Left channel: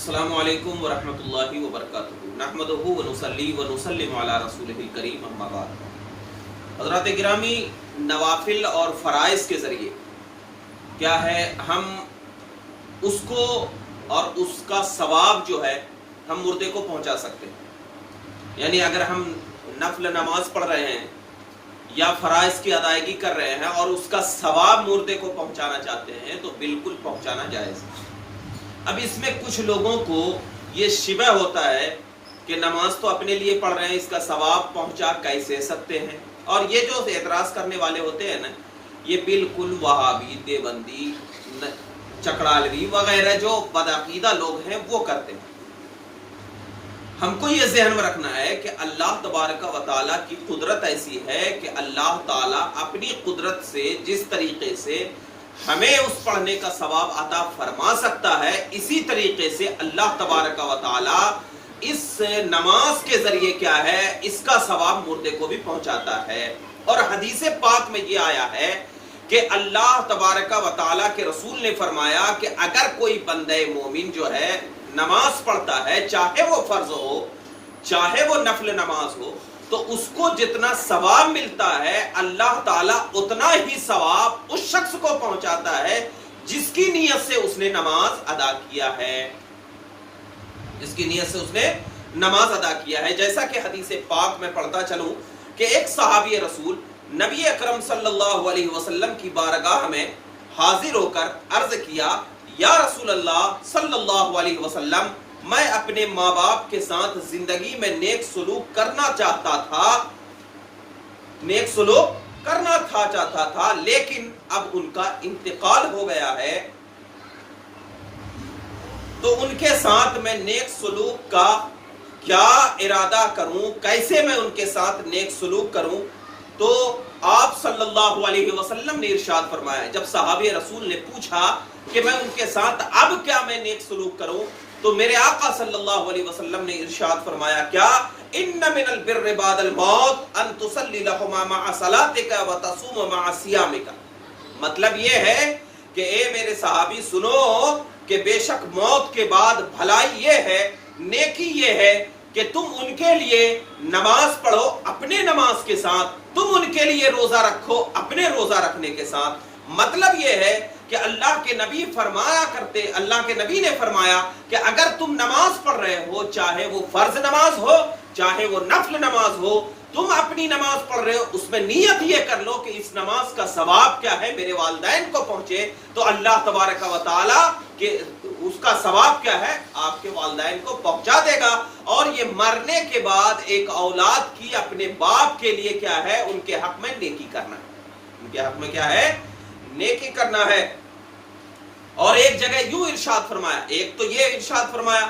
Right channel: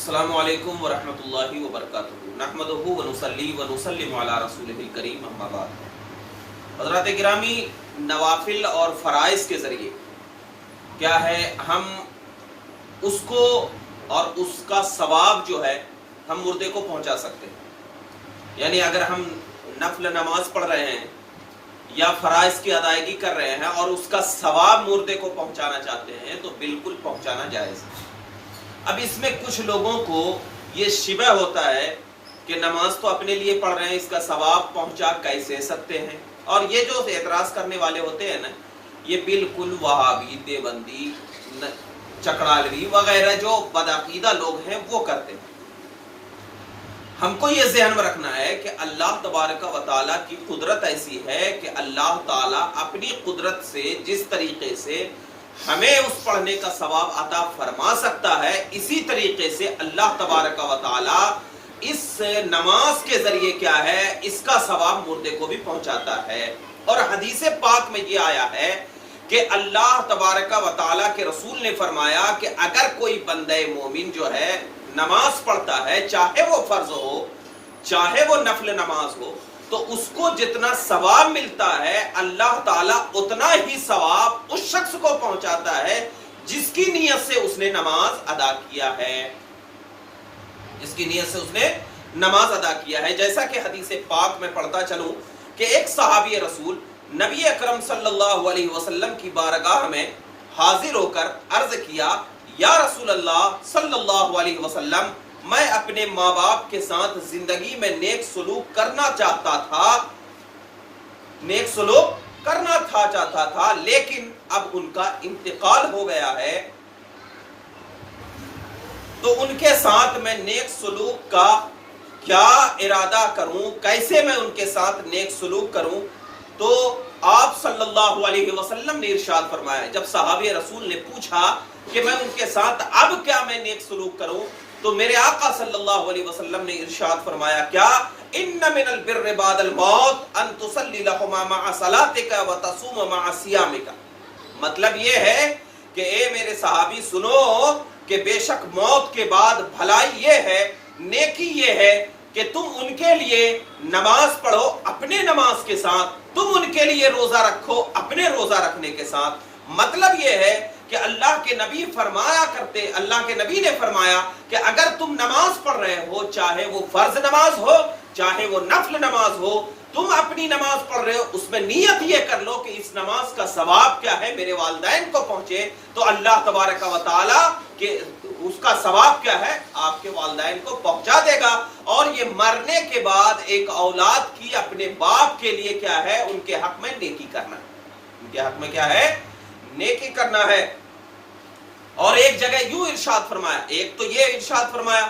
السلام علیکم ورحمۃ اللہ وبرکاتہ نحمدہ ونصلی ونسلم علی رسولہ الکریم اما بعد۔ حضرات گرامی، نوافل اور فرائض کے ذریعے کیا ہے ہم اس کو اور اس کا ثواب جو ہے ہم مردے کو پہنچا سکتے ہیں۔ یعنی اگر ہم نفل نماز پڑھ رہے ہیں یا فرائض کی ادائیگی کر رہے ہیں اور اس کا ثواب مردے کو پہنچانا چاہتے ہیں تو بالکل پہنچانا جائز ہے۔ اب اس میں کچھ لوگوں کو یہ شبہ ہوتا ہے کہ نماز تو اپنے لیے پڑھ رہے ہیں، اس کا ثواب پہنچا کیسے سکتے ہیں؟ اور یہ جو اعتراض کرنے والے ہوتے ہیں نا، یہ بالکل وہابی، دیوبندی، چکڑالوی وغیرہ جو بدعقیدہ لوگ ہیں وہ کرتے ہیں۔ ہم کو یہ ذہن میں رکھنا ہے کہ اللہ تبارک و تعالیٰ کی قدرت ایسی ہے کہ اللہ تعالیٰ اپنی قدرت سے جس طریقے سے ہمیں اس پڑھنے کا ثواب عطا فرما سکتا ہے، اسی طریقے سے اللہ تبارک و تعالیٰ اس نماز کے ذریعے کیا ہے اس کا ثواب مردے کو بھی پہنچاتا ہے۔ اور حدیث پاک میں یہ آیا ہے کہ اللہ تبارک و تعالیٰ کے رسول نے فرمایا کہ اگر کوئی بندہ مومن جو ہے نماز پڑھتا ہے، چاہے وہ فرض ہو چاہے وہ نفل نماز ہو، تو اس کو جتنا ثواب ملتا ہے اللہ تعالیٰ اتنا ہی ثواب اس شخص کو پہنچاتا ہے جس کی نیت سے اس نے نماز ادا کیا ہے، جس کی نیت سے اس نے نماز ادا کیا ہے۔ جیسا کہ حدیث پاک میں پڑھتا چلوں کہ ایک صحابی رسول نبی اکرم صلی اللہ علیہ وسلم کی بارگاہ میں حاضر ہو کر عرض کیا، یا رسول اللہ صلی اللہ علیہ وسلم، میں اپنے ماں باپ کے ساتھ زندگی میں نیک سلوک کرنا چاہتا تھا لیکن اب ان کا انتقال ہو گیا ہے، تو ان کے ساتھ میں نیک سلوک کا کیا ارادہ کروں، کیسے میں ان کے ساتھ نیک سلوک کروں؟ تو آپ صلی اللہ علیہ وسلم نے ارشاد فرمایا، جب صحابی رسول نے پوچھا کہ میں ان کے ساتھ اب کیا میں نیک سلوک کروں، تو میرے آقا صلی اللہ علیہ وسلم نے ارشاد فرمایا، کیا ان من البر بعد الموت ان تصلی لهما مع صلاتك وتصوم مع صيامك۔ مطلب یہ ہے کہ اے میرے صحابی سنو کہ بے شک موت کے بعد بھلائی یہ ہے، نیکی یہ ہے کہ تم ان کے لیے نماز پڑھو اپنے نماز کے ساتھ، تم ان کے لیے روزہ رکھو اپنے روزہ رکھنے کے ساتھ۔ مطلب یہ ہے کہ اللہ کے نبی اللہ کے نبی نے فرمایا کہ اگر تم نماز پڑھ رہے ہو، چاہے وہ فرض نماز ہو چاہے وہ نفل نماز ہو، تم اپنی نماز پڑھ رہے ہو، اس میں نیت یہ کر لو کہ اس نماز کا ثواب کیا ہے میرے والدین کو پہنچے، تو اللہ تبارک و تعالیٰ کہ اس کا ثواب کیا ہے آپ کے والدین کو پہنچا دے گا۔ اور یہ مرنے کے بعد ایک اولاد کی اپنے باپ کے لیے کیا ہے ان کے حق میں نیکی کرنا، ان کے حق میں کیا ہے نیکی کرنا ہے۔ اور ایک جگہ یوں ارشاد فرمایا، ایک تو یہ ارشاد فرمایا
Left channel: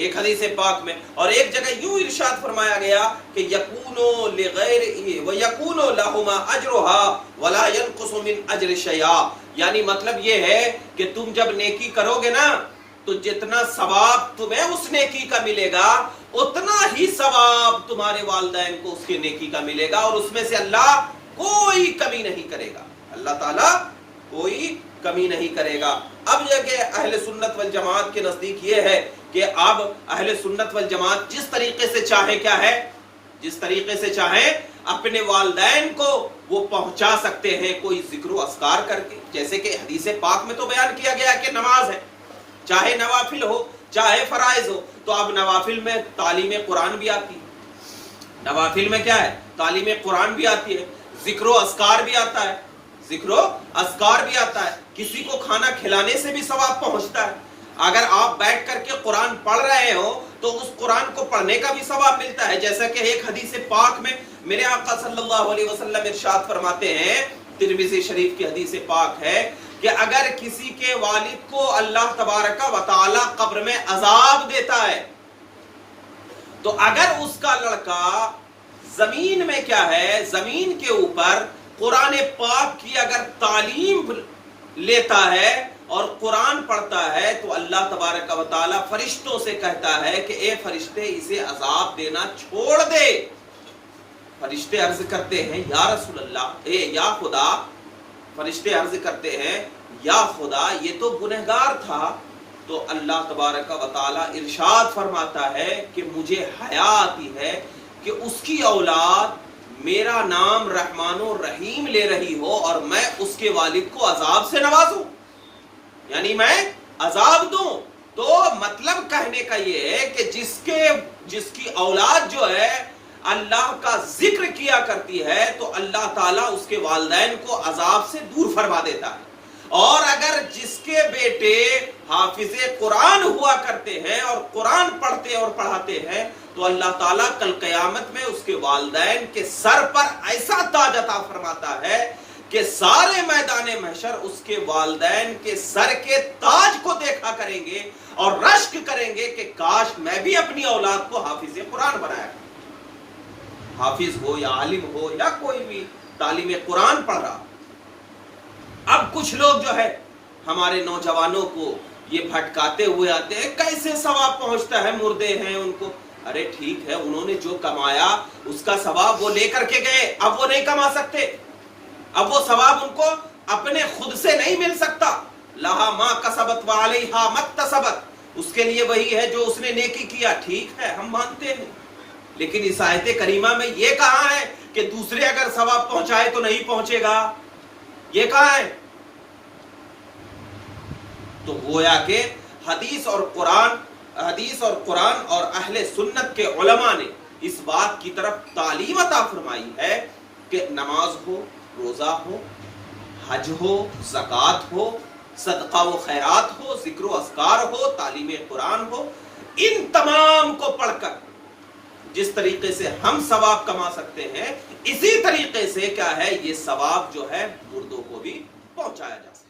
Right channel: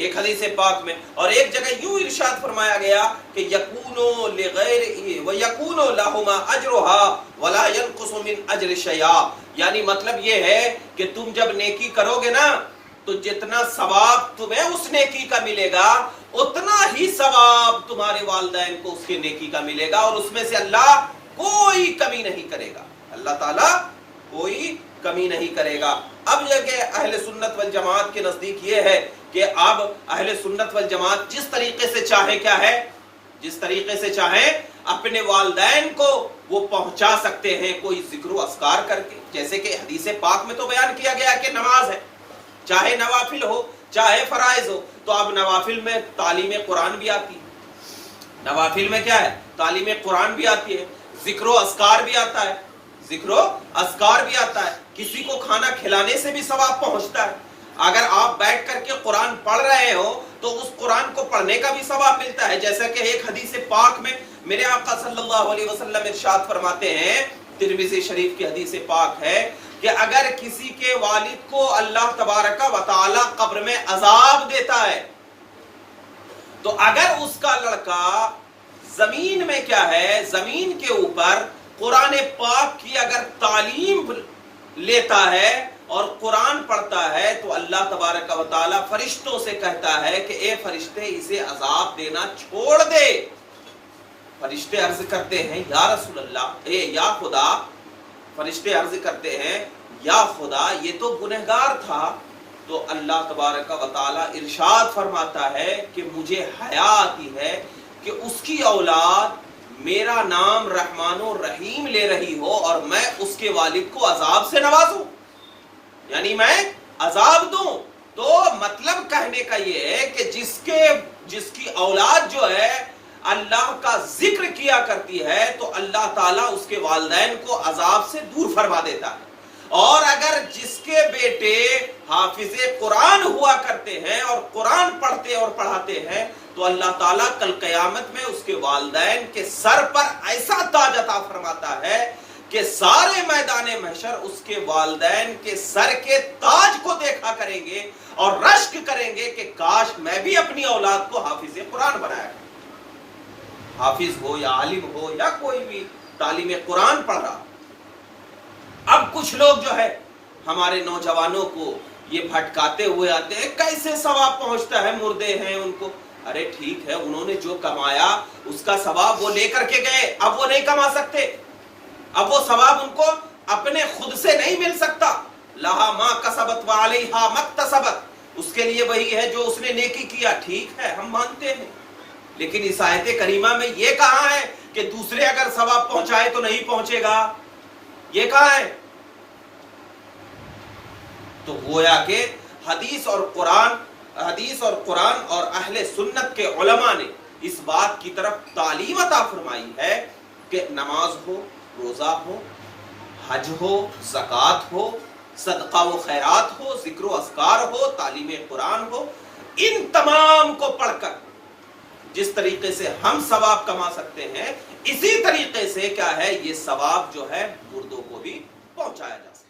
ایک حدیث پاک میں، اور ایک جگہ یوں ارشاد فرمایا گیا کہ یکونو لغیر ویکونو لہما اجرھا ولا ينقص من اجر شیئا، یعنی مطلب یہ ہے کہ تم جب نیکی کرو گے نا تو جتنا ثواب تمہیں اس نیکی کا ملے گا اتنا ہی ثواب تمہارے والدین کو اس کی نیکی کا ملے گا، اور اس میں سے اللہ کوئی کمی نہیں کرے گا، اللہ تعالیٰ کوئی کمی نہیں کرے گا۔ اب جگہ اہل سنت والجماعت کے نزدیک یہ ہے کہ اب اہل سنت والجماعت جس طریقے سے چاہے کیا ہے، جس طریقے سے چاہے اپنے والدین کو وہ پہنچا سکتے ہیں کوئی ذکر و اذکار کر کے، جیسے کہ حدیث پاک میں تو بیان کیا گیا کہ نماز ہے، چاہے نوافل ہو چاہے فرائض ہو، تو اب نوافل میں تعلیم قرآن بھی آتی ہے، نوافل میں کیا ہے تعلیم قرآن بھی آتی ہے، ذکر و اذکار بھی آتا ہے، ذکر و اذکار بھی آتا ہے، کسی کو کھانا کھلانے سے بھی ثواب پہنچتا ہے، اگر آپ بیٹھ کر کے قرآن پڑھ رہے ہو تو اس قرآن کو پڑھنے کا بھی ثواب ملتا ہے، جیسا کہ ایک حدیث پاک میں میرے آقا صلی اللہ علیہ وسلم ارشاد فرماتے ہیں، ترمذی شریف کی حدیث پاک ہے کہ اگر کسی کے والد کو اللہ تبارک و تعالی قبر میں عذاب دیتا ہے تو اگر اس کا لڑکا زمین میں کیا ہے زمین کے اوپر قرآن پاک کی اگر تعلیم لیتا ہے اور قرآن پڑھتا ہے تو اللہ تبارک و تعالی فرشتوں سے کہتا ہے کہ اے فرشتے اسے عذاب دینا چھوڑ دے۔ فرشتے عرض کرتے ہیں یا رسول اللہ، اے یا خدا، فرشتے عرض کرتے ہیں یا خدا یہ تو گنہگار تھا، تو اللہ تبارک و تعالی ارشاد فرماتا ہے کہ مجھے حیا آتی ہے کہ اس کی اولاد میرا نام رحمان و رحیم لے رہی ہو اور میں اس کے والد کو عذاب سے نوازوں، یعنی میں عذاب دوں۔ تو مطلب کہنے کا یہ ہے کہ جس کی اولاد جو ہے اللہ کا ذکر کیا کرتی ہے تو اللہ تعالیٰ اس کے والدین کو عذاب سے دور فرما دیتا ہے، اور اگر جس کے بیٹے حافظ قرآن ہوا کرتے ہیں اور قرآن پڑھتے اور پڑھاتے ہیں تو اللہ تعالیٰ کل قیامت میں اس کے والدین کے سر پر ایسا تاج عطا فرماتا ہے کہ سارے میدان محشر اس کے والدین کے سر کے تاج کو دیکھا کریں گے اور رشک کریں گے کہ کاش میں بھی اپنی اولاد کو حافظ قرآن بنایا کروں، حافظ ہو یا عالم ہو یا کوئی بھی تعلیم قرآن پڑھ رہا۔ اب کچھ لوگ جو ہے ہمارے نوجوانوں کو یہ بھٹکاتے ہوئے آتے ہیں، کیسے ثواب پہنچتا ہے، مردے ہیں ان کو۔ ارے ٹھیک ہے، انہوں نے جو کمایا اس کا ثواب وہ لے کر کے گئے، اب وہ نہیں کما سکتے، اب وہ ثواب ان کو اپنے خود سے نہیں مل سکتا۔ لہا ما کسبت وعلیہا مکتسبت، اس کے لیے وہی ہے جو اس نے نیکی کیا، ٹھیک ہے ہم مانتے ہیں، لیکن اس آیت کریمہ میں یہ کہا ہے کہ دوسرے اگر ثواب پہنچائے تو نہیں پہنچے گا، یہ کہا ہے۔ تو گویا کہ حدیث اور قرآن اور اہل سنت کے علماء نے اس بات کی طرف تعلیم عطا فرمائی ہے کہ نماز ہو، روزہ ہو، حج ہو، زکوٰۃ ہو، صدقہ و خیرات ہو، ذکر و اذکار ہو، تعلیم قرآن ہو، ان تمام کو پڑھ کر جس طریقے سے ہم ثواب کما سکتے ہیں، اسی طریقے سے کیا ہے یہ ثواب جو ہے مردوں کو بھی پہنچایا جا سکتا ہے۔